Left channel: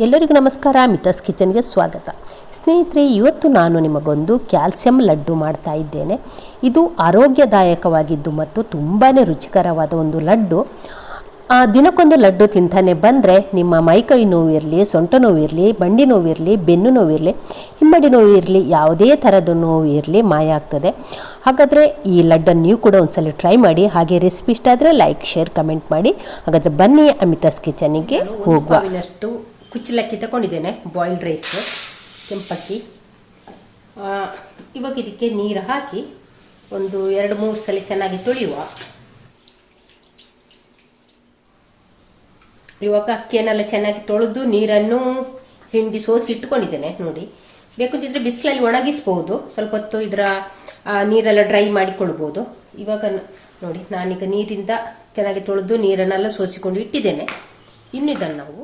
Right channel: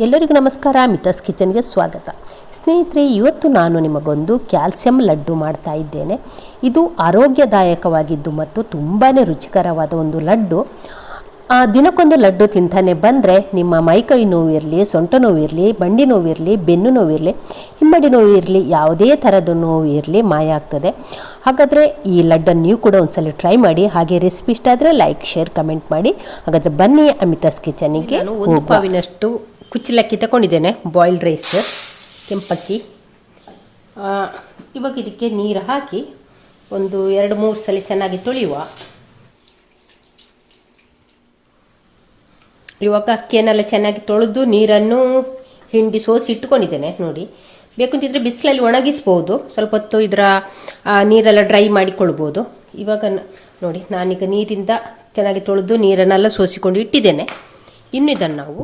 ಎಲ್ಲರಿಗೂ ನಮಸ್ಕಾರ ಮಿತಸ್ ಕಿಚನ್ಗೆ ಸ್ವಾಗತ. ಸ್ನೇಹಿತರೆ ಇವತ್ತು ನಾನು ನಿಮಗೊಂದು ಕ್ಯಾಲ್ಸಿಯಂ ಲಡ್ಡು ಮಾಡ್ತಾ ಇದ್ದೇನೆ. ಇದು ಆರೋಗ್ಯದಾಯಕವಾಗಿದ್ದು ಮತ್ತು ತುಂಬಾ ರುಚಿಕರವಾದ ಒಂದು ಲಡ್ಡು. ಆ, ದಿನಕ್ಕೊಂದು ಲಡ್ಡು ತಿಂತಾನೆ ಬಂದರೆ ನಿಮ್ಮ ಮೈಕೈ ನೋವಿರಲಿ ಸೊಂಟ ನೋವಿರಲಿ ಬಂಡಿ ನೋವಿರಲಿ ಬೆನ್ನು ನೋವಿರಲಿ ಹಿಮ್ಮಡಿ ನೋವಿರಲಿ ಇರಲಿ ಯಾವುದೇ ಥರದ ನೋವು ಇರಲಿ ಮಾಯ ಆಗ್ತದೆ. ಹಾಗಾದರೆ ಈ ಲಡ್ಡನ್ನು ನೀವು ಕೂಡ ಒಂದ್ಸಲ ಟ್ರೈ ಮಾಡಿ. ಹಾಗೆ ರೆಸಿಪಿ ಇಷ್ಟ ಆದರೆ ಲೈಕ್ ಶೇರ್ ಕಮೆಂಟ್ ಮಾಡಿ. ಹಾಗಾದರೆ ಬನ್ನಿ ಅಮಿತಾಸ್ ಕಿಚನಿಗೆ ಹೋಗುವ. ಕುಚ್ಚಲಕ್ಕಿ ತಗೊಂಡಿದ್ದೇನೆ ಬಾಯ್ಲ್ಡ್ ರೈಸ್ ಕೆಂಪಕ್ಕಿ. ಇವಾಗ ಇದಕ್ಕೆ ನೀರು ಹಾಕಿ ಒಂದು ಎರಡು ಮೂರು ಸಲ ಚೆನ್ನಾಗಿ ತೊಳೆಯುವ. ಇವಾಗ ಅಕ್ಕಿಯನ್ನೆಲ್ಲ ಚೆನ್ನಾಗಿ ತೊಳೆದು ನೀರನ್ನು ಹಿಂಡಿ ಸೋಸಿ ಇಟ್ಕೊಂಡಿದ್ದೇನೆ, ನೋಡಿ. ಬೇಕಂತಿದ್ರೆ ಬಿಸಿಲಲ್ಲಿ ಒಣಗಿಸ್ಬೋದು, ಸ್ವಲ್ಪ ಹೊತ್ತು ಇದರ ನೀರೆಲ್ಲ ಡ್ರೈ ಮಾಡಿಕೊಳ್ಬೋದು. ಇವಾಗ ನೋಡಿ, ನಾನೀಗ ನೀರಿಂದ ಚೆನ್ನಾಗಿ ತೊಳೆದು ನೀರನ್ನೆಲ್ಲ ಸೋಸಿಕೊಂಡು ಇಟ್ಟಿದ್ದೇನೆ. ಇನ್ನು ಇದನ್ನು ನಾವು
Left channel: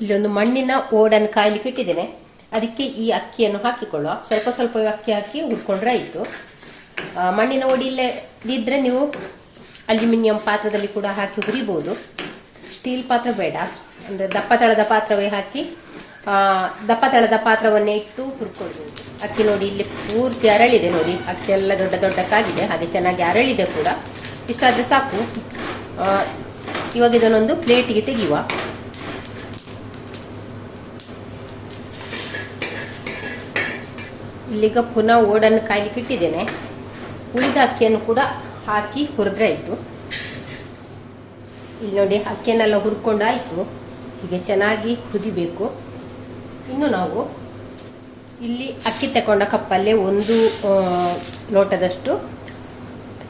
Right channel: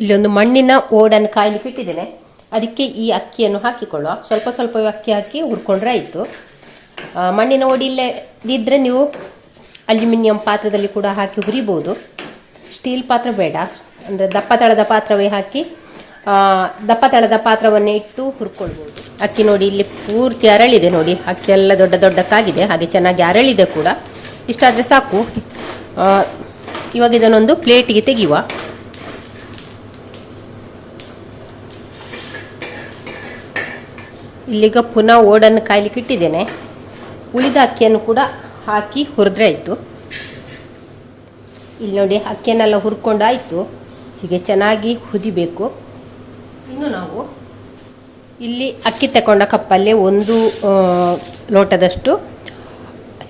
ಇಲ್ಲೊಂದು ಮಣ್ಣಿನ ಓಡನ್ನು ಕಾಯ್ಲಿಕ್ಕೆ ಇಟ್ಟಿದ್ದೇನೆ. ಅದಕ್ಕೆ ಈ ಅಕ್ಕಿಯನ್ನು ಹಾಕಿಕೊಳ್ಳುವ. ಸ್ವಲ್ಪ ಸ್ವಲ್ಪ ಅಕ್ಕಿ ಹಾಕಿ ಹುರ್ಕೊಂಡ್ರೆ ಆಯಿತು. ಮಣ್ಣಿನ ಓಡಿ ಇಲ್ಲೇ ಇದ್ರೆ ನೀವು ಅಲ್ಯೂಮಿನಿಯಂ ಪಾತ್ರದಲ್ಲಿ ಕೂಡ ಹಾಕಿ ಹುರಿಬೋದು ಸ್ಟೀಲ್ ಪಾತ್ರ ಬೇಡ. ಅಂದರೆ ದಪ್ಪ ತಳದ ಪಾತ್ರವೇ ಹಾಕಿ ದಪ್ಪ ತಳದ ಪಾತ್ರವನ್ನೇ ಇಟ್ಟು ಹುರ್ಕೊಳ್ಬೋದು ಅಕ್ಕಿ ನೋಡಿ ಇಲ್ಲಿ ಪೂರ್ತಿ ಅರಳಿದೆ ನೋಡಿ. ಅಕ್ಕಿ ಎಲ್ಲ ದೊಡ್ಡ ದೊಡ್ಡಕ್ಕಾಗಿದೆ. ಹಾಗೆ ಚೆನ್ನಾಗಿ ಅರಳಿದೆ ಕೂಡ. ಇಷ್ಟಾದರೆ ಸಾಕು. ಇವಾಗ ಇದನ್ನೊಂದು ಪ್ಲೇಟಿಗೆ ತೆಗೆಯುವ. ಇಲ್ಲಿಗ ಪುನಃ ಓಡನ್ನು ಕಾಯ್ಲಿಕ್ಕೆ ಇಟ್ಟಿದ್ದೇನೆ. ಉಳಿದ ಅಕ್ಕಿಯನ್ನು ಕೂಡ ಹಾಕಿ ಹುರಿದ್ರೆ ಆಯಿತು. ಇಲ್ಲಿ ನೋಡಿ ಅಕ್ಕಿಯನ್ನೆಲ್ಲ ಹುರ್ಕೊಂಡಾಯಿತು ಹೀಗೆ ಚೆನ್ನಾಗಿ ಕುದಿಬೇಕು. ಇನ್ನು ನಾವು ಇಲ್ಲಿ ಅಕ್ಕಿ ತಗೊಂಡ ಕಪ್ಪಲ್ಲಿ ಒಂದು ಲೋಟದಷ್ಟು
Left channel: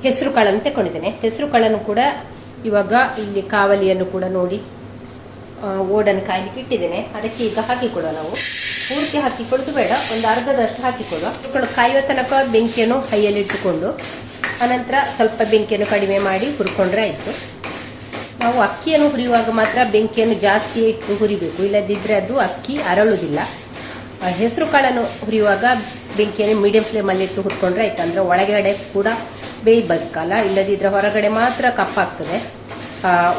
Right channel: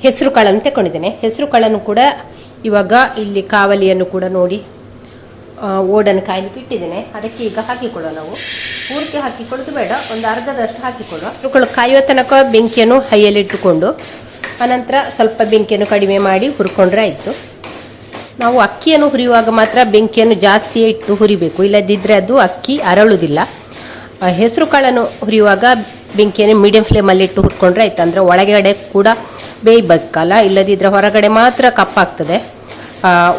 ಹೆಸರು ಕಾಳನ್ನು ತಗೊಂಡಿದ್ದೇನೆ ಹೆಸರು ಕಾಳನ್ನು ಕೂಡ ಇವಾಗ ಇಲ್ಲಿ ಕಾವಲಿಯನ್ನು ಕೂಡ ನೋಡಿ ಓಡನ್ನು ಕಾಯ್ಲಿಕ್ಕೆ ಇಟ್ಟಿದ್ದೇನೆ. ಅದಕ್ಕೆ ಈಗ ಹಾಕಿಕೊಡುವ ನಾವು. ಪೂರ್ತಿ ಹಾಕಿಕೊಳ್ಳೋದು ಬೇಡ. ಒಂದು ಅರ್ಧದಷ್ಟು ಹಾಕಿಕೊಡುವ ಇವುಗಳು ಕಾಯುವ ತನಕ ಬೆಂಕಿಯನ್ನು ಹೈಯಲ್ಲಿ ಇಟ್ಟುಕೊಂಡು, ಅನಂತರ ಸ್ವಲ್ಪ ಬೆಂಕಿಯನ್ನು ಕಡಿಮೆ ಮಾಡಿ ಹುರ್ಕೊಂಡ್ರೆ ಆಯಿತು. ನಾವು ಅಕ್ಕಿಯನ್ನು ಹುರಿಯುವಾಗ ಮಾತ್ರ ಬೆಂಕಿಯನ್ನು ಜಾಸ್ತಿ ಇಟ್ಟು ಹುರಿಬೇಕು. ಇಲ್ಲದಿದ್ದರೆ ಅದು ಅಕ್ಕಿ ಅರಳುವುದಿಲ್ಲ. ಹೆಸರು ಕಾಳನ್ನು ಹುರಿಯುವಾಗ ಬೆಂಕಿಯನ್ನು ಮೀಡಿಯಂ ಫ್ಲೇಮಲ್ಲಿ ಇಟ್ಟು ಹುರ್ಕೊಂಡ್ರೆ ಆಯ್ತು. ಅಂದರೆ ಒಳಗಡೆ ಕೂಡ ಬೇಯಬೇಕಲ್ಲ ಇಲ್ಲದಿದ್ದರೆ ಹೊರಗಡೆ ಮಾತ್ರ ಕಪ್ಪಾಗ್ತದೆ.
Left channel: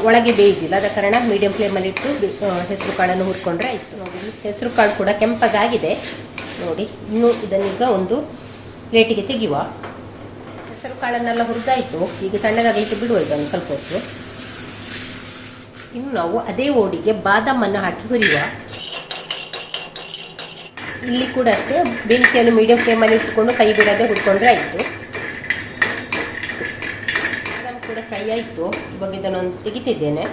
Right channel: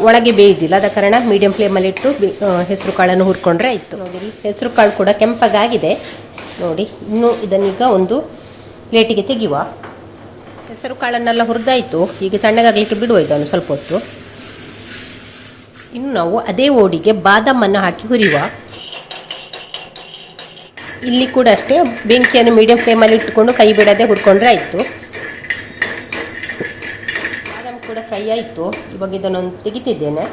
ಒಳಗೆ ಬೇಯಿದಿಲ್ಲ. ಆದ ಕಾರಣ ಮೀಡಿಯಂ ಫ್ಲೇಮಲ್ಲಿ ಇಟ್ಟು ಬೆ- ಹೆಸರು ಕಾಳನ್ನು ಹುರ್ಕೊಂಡ್ರೆ ಆಯಿತು. ಹೆಸರು ಕಾಳು ಕೂಡ ಕೆಂಪಗಾಗಿದೆ. ನೋಡಿ, ಇನ್ನು ಇದನ್ನೀಗ ಒಂದು ಪ್ಲೇಟಿಗೆ ತೆಗೆಯುವ. ಹೆಸರು ಕಾಳನ್ನೆಲ್ಲ ಹುರಿದಾಯಿತು. ಈಗ ತಣ್ಣಗಾಗಲಿಕ್ಕೆ ಬಿಡುವ ಇದನ್ನು ಸ್ವಲ್ಪ ಹೊತ್ತು. ಇನ್ನು ನಾವು ಅದೇ ಓಡಿಗೆ ಬಾದಾಮನ್ನು ಹಾಕಿ ಹುರಿಯುವ. ಇಲ್ಲಿ ಕೂಡ ಅಷ್ಟೇ, ಬೆಂಕಿಯನ್ನು ಮೀಡಿಯಂ ಫ್ಲೇಮಲ್ಲಿ ಇಟ್ಟುಕೊಂಡು ಕೈ ಬಿಡದೆ ಹುರ್ಕೊಂಡ್ರೆ ಆಯಿತು ಬಾದಾಮ್ ಕೂಡ ಫ್ರೈ ಆಯಿತು ಇವಾಗ ಇದನ್ನೊಂದು ತೆಗಿತಿದ್ದೇನೆ.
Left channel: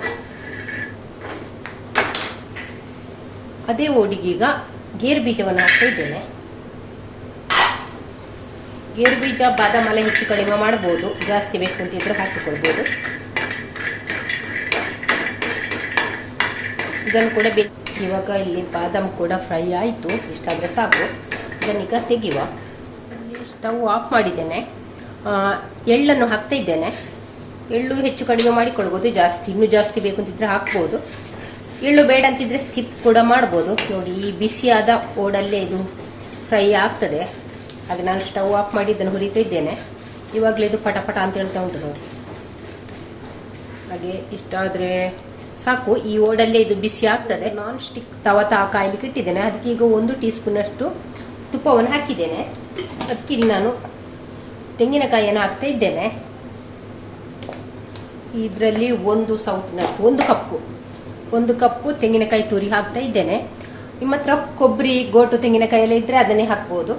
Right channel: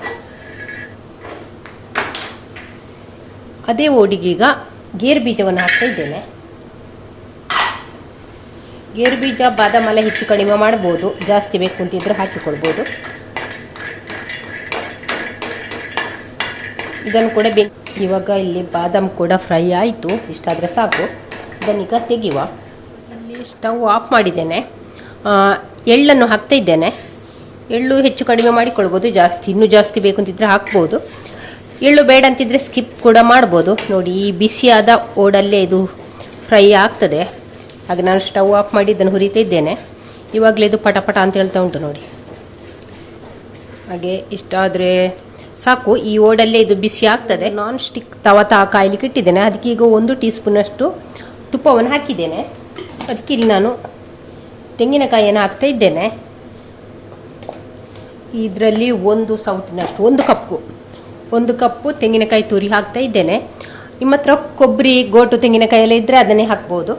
ಅದೇ ಓಡಿಗೀಗ ಗೇರು ಬೀಜವನ್ನು ಹಾಕ್ತಾ ಇದ್ದೇನೆ. ಗೇರು ಬೀಜ, ಬಾದಾಮ ಎಲ್ಲ ಹೆಚ್ಚು ಕಡಿಮೆ ಮಾಡ್ಬೋದು. ಜಾಸ್ತಿ ಬೇಕು ಅಂತಿದ್ರೆ ಹಾಕಿಕೊಳ್ಬೋದು. ಇದನ್ನು ಕೂಡ ಬೇಕು. ಇವಾಗ ಇಲ್ಲಿ ಬಾದಾಮ್ ಕೂಡ ಫ್ರೈ ಆಯಿತು. ಇಷ್ಟಾದರೆ ಸಾಕು. ಇದನ್ನೀಗ ತೆಗೆಯುವ. ಅಲ್ಲಿ ಸ್ಟವ್ ಆಫ್ ಮಾಡಿದ್ದೇನೆ. ಎಳ್ಳನ್ನು ಹಾಕ್ತಾ ಇದ್ದೇನೆ. ಎಳ್ಳು ಹೆಚ್ಚು ಕಡಿಮೆ ಮಾಡಿಕೊಳ್ಬೋದು, ಜಾಸ್ತಿ, ಇನ್ನೂ ಜಾಸ್ತಿ ಬೇಕು ಅಂತಿದ್ರೆ ಹಾಕ್ಬೋದು. ಎಳ್ಳು ಬೇಡ ಅಂತಿದ್ರೆ ಸ್ಕಿಪ್ ಕೂಡ ಮಾಡ್ಬೋದು. ನೋಡಿ, ಈ ಬಿಸಿಯಾದ ಓಡಲ್ಲೇ ಇದು ಫ್ರೈ ಆಗ್ತದೆ. ಹಾಗೆ ನಾನು ಸ್ಟವ್ ಆಫ್ ಮಾಡಿ ಇದನ್ನು ಹುರಿತಾ ಇದ್ದೇನೆ. ಇವಾಗಲೇ ಇದು ಪಟ ಪಟ ಅಂತ ಹೇಳ್ತಾ ಉಂಟು ನೋಡಿ. ಹಾಗೆ ಇಷ್ಟ ಆದರೆ ಸಾಕು. ಈ ಓಡಲ್ಲೇ ಇದು ಬಿಸಿ ಆಗ್ತದೆ. ನಾನ್ ಸ್ಟಿಕ್ ತವ ತಾ ಕಾಯಿಲಿ ಇಟ್ಟಿದ್ದೇನೆ. ಅದಕ್ಕೆ ಈಗ ಒಂದು ಟೀ ಸ್ಪೂನಷ್ಟು ತುಪ್ಪವನ್ನು ಹಾಕಿದ್ದೇನೆ. ಅದಕ್ಕೆ ಇಲ್ಲಿ ನಾನು ತೆಂಗಿನಕಾಯಿಯನ್ನು ಹಾಕ್ತಾ ಇದ್ದೇನೆ. ಇದರಲ್ಲಿ ಒಂದು ಸೌಟ್ನ ಒಂದು ಕಪ್ಪು. ಒಂದು ಕಪ್ಪು ತೆಂಗಿನಕಾಯಿ ತುರಿ ಹಾಕ್ತಾ ಇದ್ದೇನೆ. ನಿಮ್ಮ ಹತ್ರ ಕೊಬ್ಬರಿ, ಗೋಟು ತೆಂಗಿನಕಾಯಿ ಎಲ್ಲ ಇದ್ದರೆ ಅದನ್ನೇ ಹಾಕ್ಬೋದು.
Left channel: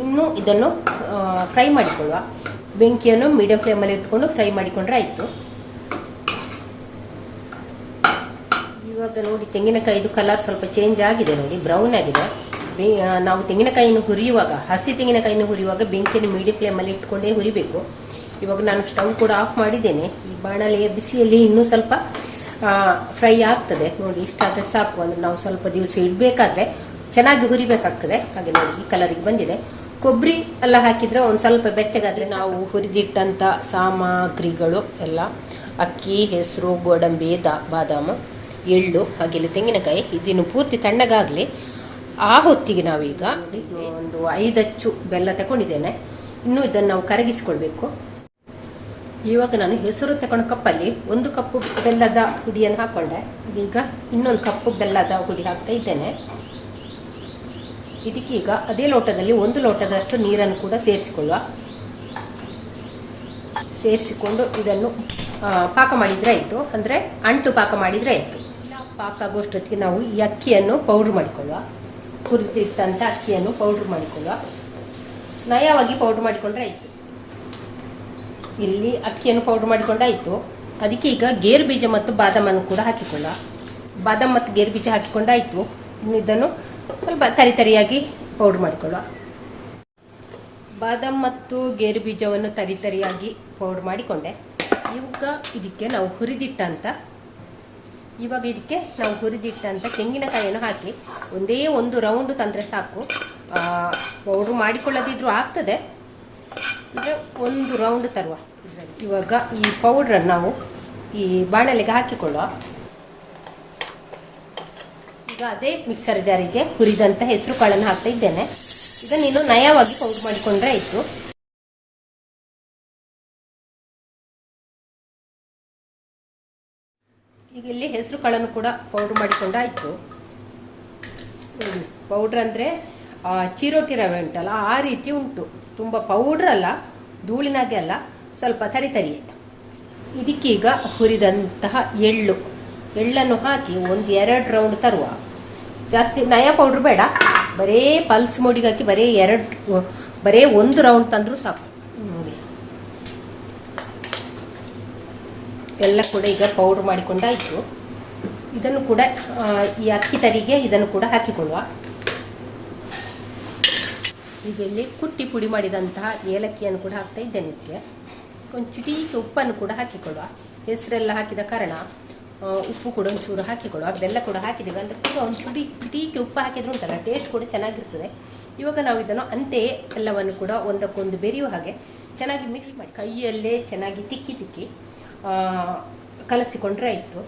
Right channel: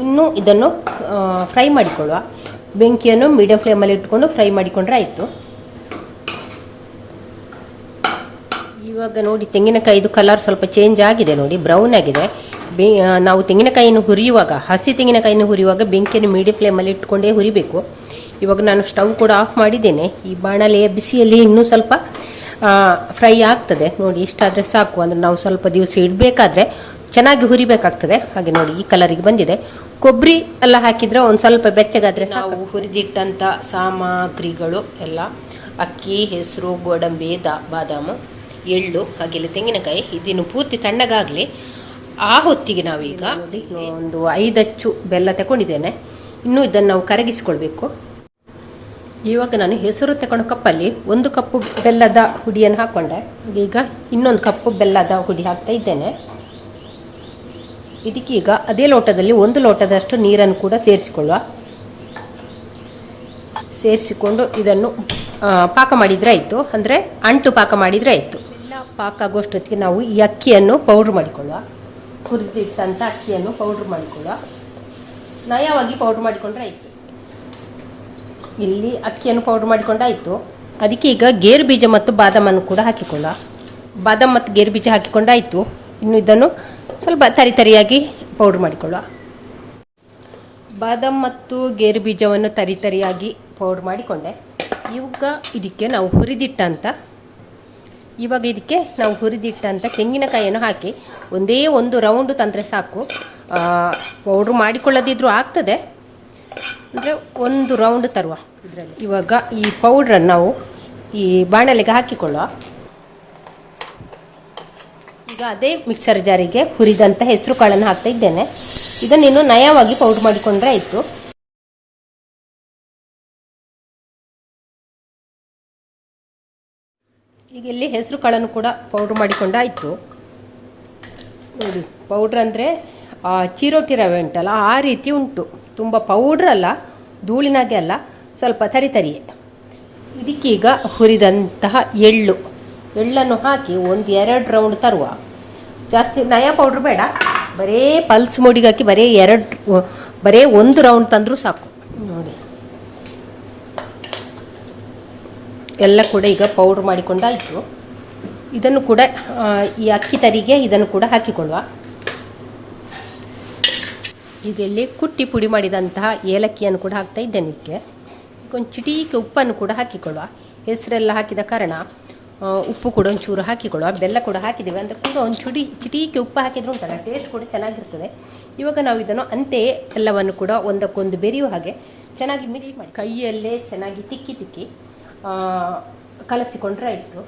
ಇನ್ನು ಇದನ್ನು ಫ್ರೈ ಮಾಡಿಕೊಳ್ಳುವ. ಬೆಂಕಿಯನ್ನು ಮೀಡಿಯಂ ಫ್ಲೇಮಲ್ಲಿ ಇಟ್ಕೊಂಡು ಫ್ರೈ ಮಾಡಿಕೊಂಡ್ರೆ ಆಯಿತು. ಇವಾಗ ನೋಡಿ, ತೆಂಗಿನಕಾಯಿದು ಕಲರ್ ಸ್ವಲ್ಪ ಚೇಂಜ್ ಆಗಿದೆ ನೋಡಿ ಬ್ರೌನ್ ಆಗಿದೆ. ನಾವು ತೆಂಗಿನಕಾಯಿಯನ್ನು ಹುರಿಯುವಾಗ, ಹಸಿ ತೆಂಗಿನಕಾಯಿಯನ್ನು ಹುರಿಯುವಾಗ ಬೆಂಕಿಯನ್ನು ಮೀಡಿಯಂ ಫ್ಲೇಮಲ್ಲಿ ಇಟ್ಕೊಂಡೇ ಹುರಿಬೇಕು. ಇವಾಗ ನಾನು ಸ್ಟವ್ ಕೂಡ ಆಫ್ ಮಾಡಿದ್ದೇನೆ. ಈ ಬಾಣಲೆಯ ಬಿಸಿಯಲ್ಲಿ ಇನ್ನೂ ಸ್ವಲ್ಪ ಫ್ರೈ ಆಗ್ತದೆ. ನೋಡಿ ಇಷ್ಟಾದರೆ ಸಾಕು. ಅಂದರೆ ನಾವು ಸ್ವಲ್ಪ ದಿವಸ ಇಡಬೇಕಾದ್ರೆ ಚೆನ್ನಾಗಿ ಹುರಿಬೇಕಾಗ್ತದೆ. ಹಾಗೆ ನೋಡಿ ಈ ಕಲರಿಗೆ ಬಂದಿದೆ. ಕೊಬ್ಬರಿ ಎಲ್ಲ ಹಾಕಿದ್ರೆ ಒಂದು ಸ್ವಲ್ಪ ಬೆಚ್ಚಗಾದ್ರೆ ನಾವು ಹುರಿದಿಟ್ಟಂಥ ಸಾಮಗ್ರಿಗಳು ಎಲ್ಲ ಅಕ್ಕಿ ಹೆಸರು ಗೋಡಂಬಿ ದಾ ಬಾದಾಮು ಎಳ್ಳು ಹಾಗೆಲ್ಲ ತೆಂಗಿನಕಾಯಿ ಇದನ್ನು ಪೂರ್ತಿ ತಣ್ಣಗಾಗಲಿ. ಆ ಹೊತ್ತಿಗೆ ನಾವೀಗ ಒಂದು ಐದಚ್ಚು ಬೆಲ್ಲ ತಗೊಂಡಿದ್ದೇನೆ ಇನ್ನೂ ಇದನ್ನು ನಾವು ಕರಗಿಸಿಕೊಳ್ಬೇಕು. ಇವಾಗ ನಾನು ಹೆಸರು ತಗೊಂಡ ಕಪ್ಪಲ್ಲಿ ಒಂದು ಕಪ್ಪು ಬೆಲ್ಲದ ಹುಡಿಯನ್ನು ಹಾಕೊಂಡೆ. ಈಗ ಇನ್ನೊಂದು ಕಪ್ಪು ಬೆಲ್ಲದ ಹುಡಿ ಹಾಕ್ತಾ ಇದ್ದೇನೆ. ಇದಕ್ಕೀಗ ಅದೇ ಲೋಟದಲ್ಲಿ ಒಂದು ಲೋಟದಷ್ಟು ನೀರನ್ನು ಕೂಡ ಸೇರಿಸಿಕೊಳ್ಳುವ. ಸೇರಿಸಿಕೊಂಡು ಇದನ್ನು ಪಾಕ ಮಾಡಿದ್ರೆ ಆಯಿತು. ಅಂದರೆ ಅಂಟು ಪಾಕ ಮಾಡಿದರೆ ಆಯಿತು. ಪಾಕ ಆಗೋಷ್ಟೊತ್ತಿಗೆ ನಾವು ಈ ಅಕ್ಕಿಯನ್ನು ಪೌಡ್ರ್ ಮಾಡಿಕೊಳ್ಳುವ. ಹುರಿದಿಟ್ಟಂಥ ಅಕ್ಕಿಯನ್ನು ಪೌಡ್ರ್ ಮಾಡಿಕೊಳ್ಳುವ. ನಯವಾಗಿ ಪೌಡ್ರ್ ಮಾಡಿಕೊಂಡ್ರೆ ಆಯಿತು. ಇಲ್ಲಿ ಅಕ್ಕಿಯನ್ನು ಪೌಡರ್ ಮಾಡಿಕೊಂಡಾಯಿತು ಅದಕ್ಕೆ ಈಗ ಗೇರು ಬೀಜ ಮತ್ತು ಬಾದಾಮನ್ನು ಕೂಡ ಹಾಕಿಕೊಂಡ ಬಾದಾಮ್ ಮತ್ತು ಗೇರು ಬೀಜ ಹಾಕಿಕೊಂಡಾಯಿತು ಇನ್ನು ಇದನ್ನು ಸ್ವಲ್ಪ ತರಿ ತರಿಯಾಗಿ ಪೌಡರ್ ಮಾಡಿಕೊಳ್ಳುವ ಬಾದಾಮ್ ಮತ್ತು ಗೇರು ಬೀಜವನ್ನು ತರಿ ತರಿಯಾಗಿ ಪೌಡರ್ ಮಾಡಿಕೊಂಡೆ. ಇವಾಗ ಇದಕ್ಕೆ ನಾವು ಹುರಿದಿಟ್ಟಂತ ಇವಾಗ ಇದಕ್ಕೆ ನಾವು ಹುರಿದಿಟ್ಟಂತ ತೆಂಗಿನಕಾಯಿಯನ್ನು ಹಾಕಿ ಒಂದೇ ಒಂದು ರೌಂಡ್ ತಂದರೆ ಸಾಕು. ಪೌಡ್ರ್ ಮಾಡಿಕೊಳ್ಳದಿದ್ರೂ ಆಗ್ತದೆ. ಅಂದರೆ ಒಂದು ರೌಂಡ್ ತರುವ. ಇದರಲ್ಲಿ ಇವಾಗ ಈ ಪೌಡ್ರನ್ನು ನಾವು ಈ ಬಾಣಲೆಗೆ ಹಾಕಿಕೊಳ್ಳುವ. ಈಗ ಅದೇ ಮಿಕ್ಸರ್ ಜಾರಿಗೆ ಹುರಿದಂಥ ಹೆಸರು ಕಾಳನ್ನು ಹಾಕ್ತಾ ಇದ್ದೇನೆ. ಇದನ್ನು ಇನ್ನು ನಯವಾಗಿ ಪೌಡ್ರ್ ಮಾಡಿಕೊಂಡ್ರೆ ಆಯಿತು. ಈಗ ಇಲ್ಲಿ ಹೆಸರು ಕಾಳನ್ನು ಕೂಡ ಪೌಡ್ರ್ ಮಾಡಿಕೊಂಡಾಯಿತು ನೋಡಿ ಪೌಡ್ರ್ ಅಂದರೆ ಚಿರೋಟಿ ರವೆ ಉಂಟಲ್ಲ, ಆ ರೀತಿ ಉಂಟು. ತುಂಬ ಪೌಡ್ರ್ ಅಲ್ಲ, ಧೂಳಿನಾಗೆ ಅಲ್ಲ, ಸ್ವಲ್ಪ ತರಿ ತರಿಯೇ. ಇದಕ್ಕೀಗ ಹುರಿದಂತಹ ಎಳ್ಳು. ಎಳ್ಳನ್ನು ಹಾಕಿ ಒಂದು ಎರಡು ರೌಂಡ್ ತರುವ. ಜಾಸ್ತಿ ನಯ ಪೌಡ್ರ್ ಬೇಡ. ಬರೇ ಪಲ್ಸ್ ಮೋಡಿಗೆ ಹಾಕಿ ಬರೇ ಎರಡು, ಬರೇ ಒಂದು ರೌಂಡ್ ತಂದರೂ ಸಾಕು. ನೋಡಿ. ಎಲ್ಲ ಕೂಡ ಈಗ ಪೌಡ್ರ್ ಮಾಡಿಕೊಂಡಾಯಿತು. ಇದನ್ನು ಕೂಡ ಈ ಅಕ್ಕಿ ತರಿಗೆ ಇದನ್ನು ಕೂಡ ಹಾಕಿಕೊಳ್ಳುವ. ಈಗ ಇಲ್ಲಿ ಕುಟ್ಟಿ ಪುಡಿ ಮಾಡಿದಂತಹ ಏಲಕ್ಕಿಯನ್ನು ಕೂಡ ಹಾಕ್ತಾ ಇದ್ದೇನೆ ಇದಕ್ಕೆ ಒಂದು ಚಿಟೀಕೆ ಉಪ್ಪನ್ನು ಕೂಡ ಹಾಕಿಕೊಳ್ಳುವ. ಹೆಸರೆಲ್ಲ ಹಾಕಿದ ಕಾರಣ ಉಪ್ಪು ಕೂಡ ಒಂಚೂರು ಹಾಕಿಕೊಳ್ಳುವ. ಬೆಲ್ಲ ಕೂಡ ಹಾಕಿದ್ದೇವೆ. ಅಂದರೆ ಕೂಡ ಒಂದು ಚುಡಿ, ಚಿಟೀಕೆ ಉಪ್ಪು ಹಾಕಿದ್ರು ಉಂಟಲ್ಲ ಟೇಸ್ಟ್ ಕೂಡ ಚೆನ್ನಾಗಿರ್ತದೆ. ಇವಾಗ ನಾವು ಇದನ್ನು ಅಂತೆಯೇ ಎಲ್ಲವನ್ನು ಕೂಡ ಒಂದಕ್ಕೊಂದು ಬೆರೆಯುವ ಹಾಗೆ ಚೆನ್ನಾಗಿ ಮಿಕ್ಸ್ ಮಾಡಿ. ಕೈಯಲ್ಲೇ ಚೆನ್ನಾಗಿ ತಿಕ್ಕಿ ತಿಕ್ಕಿ ಕಲಸಿಕೊಂಡ್ರೆ ಆಯಿತು.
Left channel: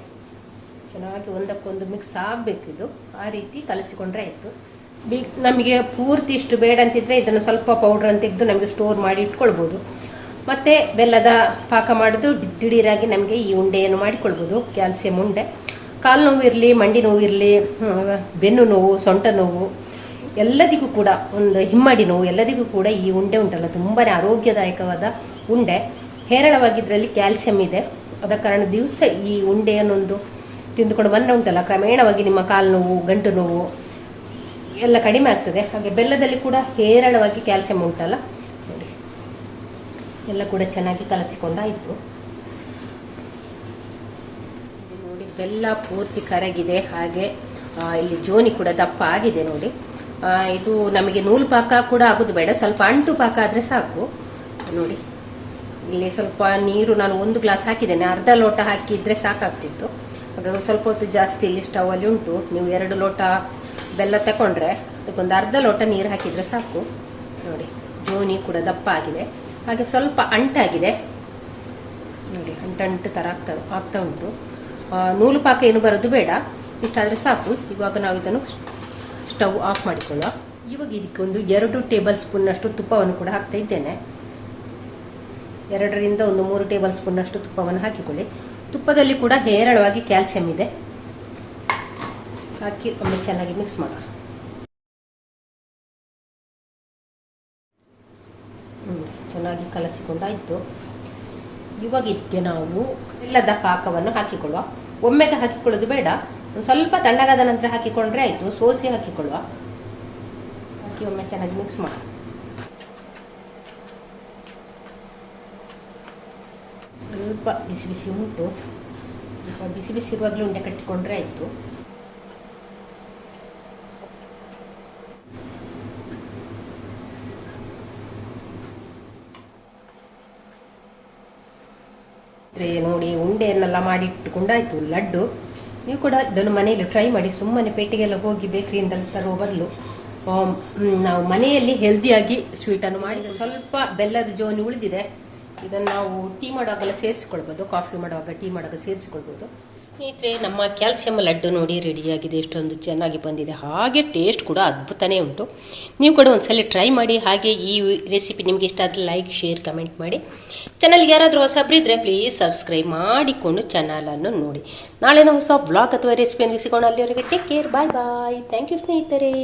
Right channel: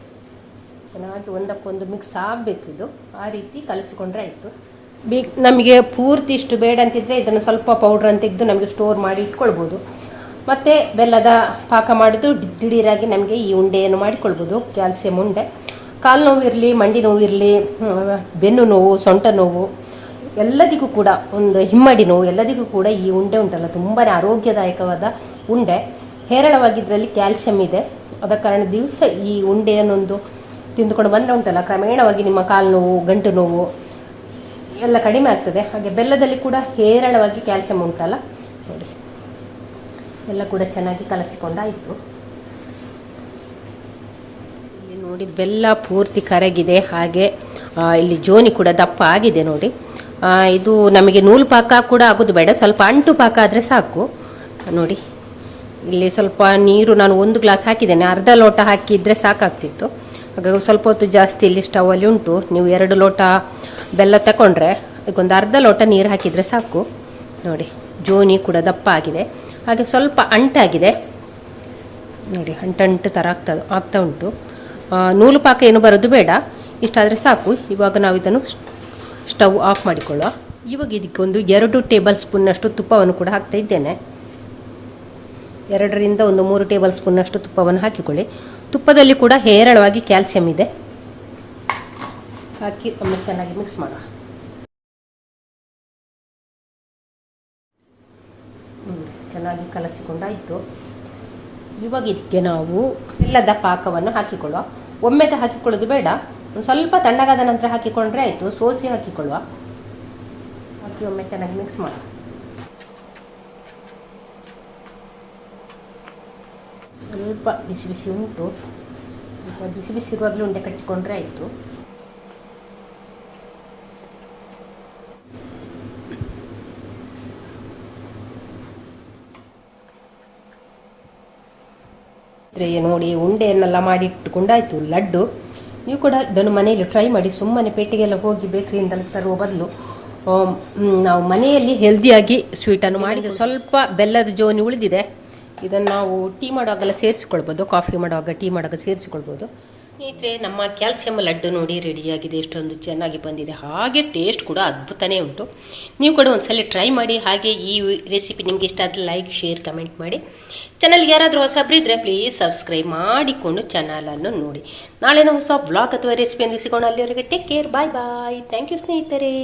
ಚೆನ್ನಾಗಿ ಒಂದಕ್ಕೊಂದು ಮಿಕ್ಸ್ ಆಗಬೇಕು ಇದು. ಆ ರೀತಿ ಕಲಸಿಕೊಂಡ್ರೆ ಆಯಿತು. ಬಿ ನಮಗೆ ಪೂರ್ತಿ ಇಷ್ಟು ಬೇಡ ಅಂತಿದ್ರೆ ಇದನ್ನು ಸ್ವಲ್ಪ ಪೌಡ್ರ್ ಅಂತ ತೆಗೆದು ನಮಗೆ ಸ್ಟೋರ್ ಮಾಡಿ ಇಟ್ಕೊಳ್ಬೋದು. ಮತ್ತು ಬೆಲ್ಲದ ಪಾಕ ಮಾಡೋದು ದಿಢೀರಾಗಿ ನಮಗೆ ಈ ಉಂಡೆಯನ್ನು ಮಾಡಿಕೊಳ್ಬೋದು ಕ್ಯಾಲ್ಸಿಯಂ ಉಂಡೆ. ಕಾಲು ನೋವಿರಲಿ, ಮಂಡಿ ನೋವಿರಲಿ ಬೆನ್ನು ನೋವು, ಸೊಂಟ ನೋವು, ಎಲ್ಲದಿಗೂ ಕೂಡ ಒಂದು ಹಿಮ್ಮಡಿ ನೋವು ಎಲ್ಲದಿಗೂ ಕೂಡ ಈ ಉಂಡೆ ಉಂಟಲ್ಲ ತುಂಬಾ ಆರೋಗ್ಯದಾಯಕವಾದ ಉಂಡೆ. ಹೇರಳವಾಗಿದ್ರಲ್ಲಿ ಕ್ಯಾಲ್ಸಿಯಂ ಇದೆ. ಅದ ಕಾರಣ ದಿವಸ ಈ ಉಂಡೆಯನ್ನೊಂದು ತಿಂದುಕೊಂಡು ಬಂದ್ರೆ ಉಂಟಲ್ಲ, ಕ್ರಮೇಣವಾಗಿ ನಿಮ್ಮ ಕಾಲು ನೋವು, ಗಂಟು ನೋವು ಎಲ್ಲ ಕಡಿಮೆ ಆಗ್ತದೆ. ಹಾಗೆ ಬೆಲ್ಲದಲ್ಲಿ ಕೂಡ ಹೇರಳವಾಗಿ ಕ್ಯಾಲ್ಸಿಯಂ ಉಂಟಲ್ಲ? ನೋಡಿ. ಎಲ್ಲ ಕೂಡ ಚೆನ್ನಾಗಿ ಕಲಸಿಕೊಂಡಾಯಿತು. ನೋಡಿ, ಬೆಲ್ಲ ಪೂರ್ತಿ ಕರಗಿದೆ. ಹಾಗೆ ಇಲ್ಲಿ ಜೋನಿ ಕೂಡ ದಪ್ಪ ಆಗಿದೆ ನೋಡಿ. ಇದು ನಮಗೆ ನೂಲು ಪಾಕ ಕೂಡ ಆಗೋದು ಬೇಡ. ಸ್ವಲ್ಪ ಅಂಟು ಪಾಕ ಆದರೆ ಸಾಕು. ನೋಡಿ. ಇಲ್ಲಿ ಸ್ವಲ್ಪ ನೀರು ನಾನು ಒಂದು ಗ್ಲಾಸ್ ಹಾಕಿದ್ದೇನೆ. ಅರ್ಧ ಲೋಟ ಹಾಕಿದ್ರೆ ಸಾಕಾಗ್ತಿತ್ತು. ಹಾಗಾಗಿ ಸ್ವಲ್ಪ ಹೊತ್ತು ಜಾಸ್ತಿ ಇಲ್ಲಿ ಸ್ಟವಲ್ಲಿ ಉಂಟು. ನೀವು ಎರಡು ಲೋಟ ಬೆಲ್ಲ ತಗೊಂಡ್ರೆ ಅದಕ್ಕೊಂದು ಅರ್ಧ ಲೋಟ ನೀರು ಹಾಕಿದರೆ ಸಾಕು. ನೋಡಿ, ಜೋನಿ ಕೂಡ ದಪ್ಪ ಆಗಿದೆ. ಹಾಗೆ ಸ್ವಲ್ಪ ಅಂಟಾಗಿದೆ ನೋಡಿ ಅಂಟಂಟು ಥರ ಆಗ್ತಾ ಆಗ್ತಾ ಉಂಟು. ನೂಲು ಪಾಕ ಏನು ಬರೋದು ಬೇಡ. ಇಷ್ಟಾದರೆ ಸಾಕು. ಇವಾಗ ನಾವು ಇದನ್ನು ಸ್ಟವ್ ಆಫ್ ಮಾಡಿಕೊಳ್ಳೋ ಇವಾಗ ಇದಕ್ಕೆ ಒಂದು ಎರಡು ಟೇಬಲ್ ಸ್ಪೂನ್ನಷ್ಟು ತುಪ್ಪವನ್ನು ಕೂಡ ಹಾಕ್ತಾ ಇದ್ದೇನೆ. ಎರಡರಿಂದ ಒಂದು ಮೂರು ಟೇಬಲ್ ಸ್ಪೂನ್ನಷ್ಟು ತುಪ್ಪವನ್ನು ಹಾಕಿಕೊಳ್ಳಿ. ತುಪ್ಪದಲ್ಲಿ ಕೂಡ ಹೇರಳವಾಗಿ ಕ್ಯಾಲ್ಸಿಯಂ ಇದೆ. ಹಾಕಿ ಒಮ್ಮೆ ಚೆನ್ನಾಗಿ ಮಿಕ್ಸ್ ಹ್ಮ್, ಚೆನ್ನಾಗಿ ಕಲಸಿಕೊಂಡಾಯಿತು. ಇವಾಗ ಇದಕ್ಕೆ ನಾವು ಇಲ್ಲದ ಪಾಕವನ್ನು ಹಾಕಿಕೊಳ್ಳುವ. ಒಮ್ಮೆಗೆ ಹಾಕಿಕೊಳ್ಳೋದು ಬೇಡ. ಒಂದು ಸ್ವಲ್ಪ ತಣ್ಣಗಾದ ನಂತರ ಹಾಕಿಕೊಂಡ್ರೆ ಆಯಿತು. ಸೋಸಿ ಹಾಕಿಕೊಳ್ಳುವ. ಹಾಕಿ ಒಮ್ಮೆ ಚೆನ್ನಾಗಿ ಮಿಕ್ಸ್ ಮಾಡುವ ಸ್ವಲ್ಪ ಬಿಸಿ ಬಿಸಿ ಉಂಟು. ಸ್ವಲ್ಪ ಬಿಸಿ ಬಿಸಿ ಇರುವಾಗಲೂ ಉಂಡೆ ಕಟ್ಟಿಕೊಂಡ್ರೆ ಆಯಿತು. ನೋಡಿ ಉಂಡೆಯನ್ನೆಲ್ಲ ಮಾಡಿ ಇಟ್ಟುಕೊಂಡಾಯ್ತು. ಲಡ್ಡು. ನೀವು ಕೂಡ ಇದನ್ನು ಮನೆಯಲ್ಲಿ ಟ್ರೈ ಮಾಡಿ. ಸುಮ್ಮನೆ ಪೇಟೆಗೆಲ್ಲ ಹೋಗಿ ಬೇಕರಿಯಿಂದ ತರುವ ಬದಲು ನಾವು ಮನೆಯಲ್ಲಿ ಹೆಲ್ದಿಯಾಗಿ ಸ್ವೀಟನ್ನು ಮಾಡಿದ ಸ್ವಲ್ಪ ಬೆಲ್ಲದ ಜೋನಿ ಉಳಿದಿದೆ. ಇದನ್ನು ನಾವು ಟೀ ಮಾಡುವಾಗೆಲ್ಲ ಸೇರಿಸಿಕೊಳ್ಬೋದು, ಕಾಫಿ ಮಾಡುವಾಗ ಟೀ ಮಾಡುವಾಗ ಸೇರಿಸ್ಕೊಳ್ಬೋದು. ಸ್ನೇಹಿತರೆ, ನಮ್ಮ ಕ್ಯಾಲ್ಸಿಯಂ ಲಡ್ಡು ನೋಡಿ ರೆಡಿಯಾಗಿದೆ ಎಷ್ಟೊಂದು ಚೆನ್ನಾಗಿ ಬಂದಿದೆ. ಹಾಗೆ ಟೇಸ್ಟ್ ಕೂಡ ಅದ್ಭುತನೇ ಉಂಟು. ನೀವು ಕೂಡ ಒಂದ್ಸಲ ಟ್ರೈ ಮಾಡಿ. ಹಾಗೆ ಈ ರೆಸಿಪಿ ನಿಮಗೆ ಇಷ್ಟ ಆದರೆ ಲೈಕ್ ಶೇರ್ ಕಮೆಂಟ್ ಮಾಡಿ. ಚಾನಲ್ಗೆ ಯಾರಾದರೂ ಹೊಸಬ್ರಿದ್ರೆ ಪ್ಲೀಸ್ ಸಬ್ಸ್ಕ್ರೈಬ್ ಮಾಡಿಕೊಂಡು ಚಾನಲನ್ನು ನೋಡಿ. ನಾಳೆ ನಾವು ಹೊಸ ಬ್ಲಾಗ್ ಅಥವಾ ರೆಸಿಪಿಯೊಂದಿಗೆ ಸಿಗೋಣ. ಅಲ್ಲಿವರೆಗೆ take care bye bye thank you ಸ್ನೇಹಿತರೆ.